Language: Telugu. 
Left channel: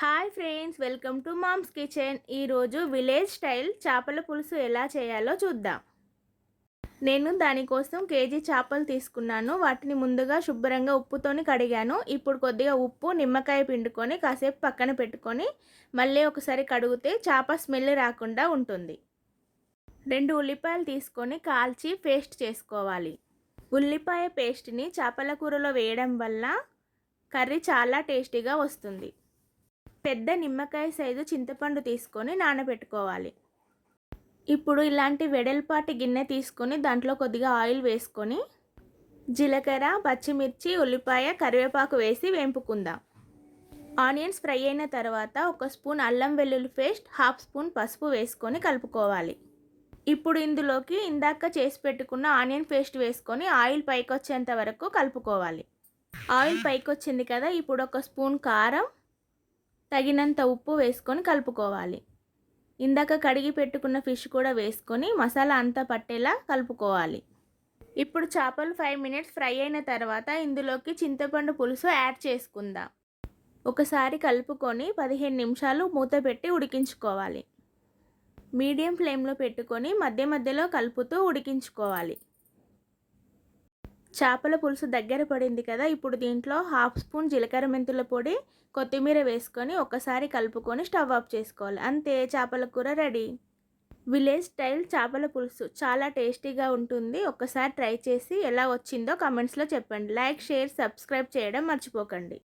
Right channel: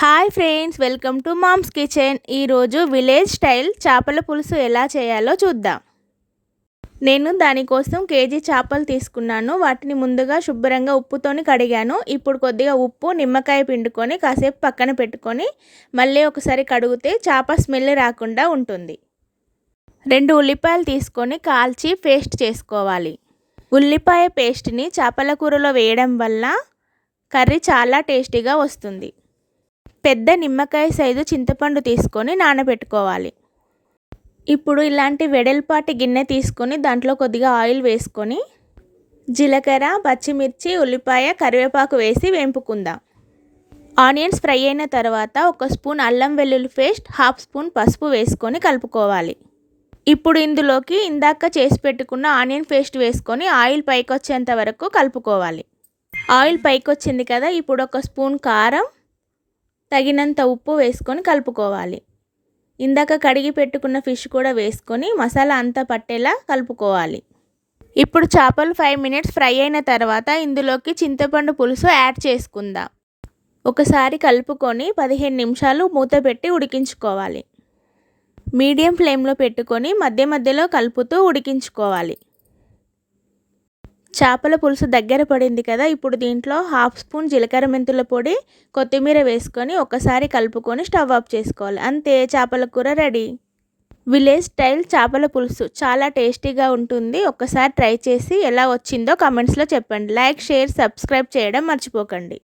Hi friends, welcome to mom's kitchen. ఈరోజు విలేజ్ స్టైల్ చేపల పులుసు ఎలా చేయాలో చూద్దాం. నేను దానికోసం కేజీ చేపలు తీసుకున్నాను. వాటిని ముందుగా శుభ్రంగా ఉప్పుతోని కడిగాను. ఇప్పుడు కొద్దిగా ఉప్పు, నిమ్మకాయ పిండుకొని కాసేపు పక్కన పెట్టుకొని మళ్ళీ ఒకసారి కడిగితే చేప స్మెల్ రాకుండా ఉంటుంది. 2 ఉల్లిపాయలు తీసుకొని కాల్చి పేస్ట్ చేసుకోవాలి. ఉల్లిపాయ పేస్ట్ని చేపల కూరలో వేయడం వల్ల కర్రీ చాలా టేస్టీగా వస్తుంది. పెద్ద నిమ్మకాయ సైజు చింతపండు తీసుకొని నానబెట్టుకోవాలి. ఇప్పుడు ఇలాంటి వెడల్పాటి గిన్నె తీసుకొని దాంట్లో కొద్దిగా ఆయిల్ వేసుకొని జీలకర్ర, పచ్చిమిర్చి, ఉల్లిపాయ, కరివేపాకు వేసి వేంపుకుందాం. ఆనియన్స్ ఫ్రై అయిన తర్వాత 1 స్పూన్ అల్లం వెల్లుల్లి పేస్ట్, 1/2 స్పూన్ పసుపు వేసుకొని కలుపుకోవాలి. ఇప్పుడు ఇందులోకి ఇందాక చేసి పెట్టుకున్న ఆనియన్ పేస్ట్ వేసుకొని ఆయిల్ పైకి వచ్చేంత వరకు కలుపుకోవాలి. ఆయిల్ పైకి వచ్చింది కదా, ఇప్పుడు 1 స్పూన్ కారం, తగినంత ఉప్పు వేసుకొని కలుపుకోవాలి. ఇందాక కడిగి పెట్టుకున్న ఫిష్ కూడా వేసుకొని మసాలా అంతా పట్టేలా కలుపుకోవాలి. ఇప్పుడు చేపలు 5 మినిట్స్ ఫ్రై అయిన తర్వాత ఇందులోకి చింతపండు పులుసు యాడ్ చేసుకుందాం. ఒకసారి కలుపుకొని 15 నిమిషాలు మూత పెట్టి ఉడికించుకోవాలి. మీడియం ఫ్లేమ్లో పెట్టుకొని మధ్య మధ్యలో కలుపుతూ ఉడికించుకోవాలి. చేపల పులుసు దగ్గర పడింది కదా, ఇప్పుడు దీంట్లో 1/2 స్పూన్ జీలకర్ర మెంతుల పొడి, కొత్తిమీర వేసుకొని ఒకసారి కలుపుకొని స్టవ్ ఆఫ్ చేసుకోవాలి. అంతే, చేపల కూర రెడీ. విలేజ్ స్టైల్ చేపల పులుసు చాలా టేస్టీగా ఉంటుంది. ఒకసారి ట్రై చేసి ఎలా వచ్చిందో కామెంట్స్లో చెప్పండి. లైక్, షేర్, సబ్స్క్రైబ్ చేయడం మర్చిపోకండి.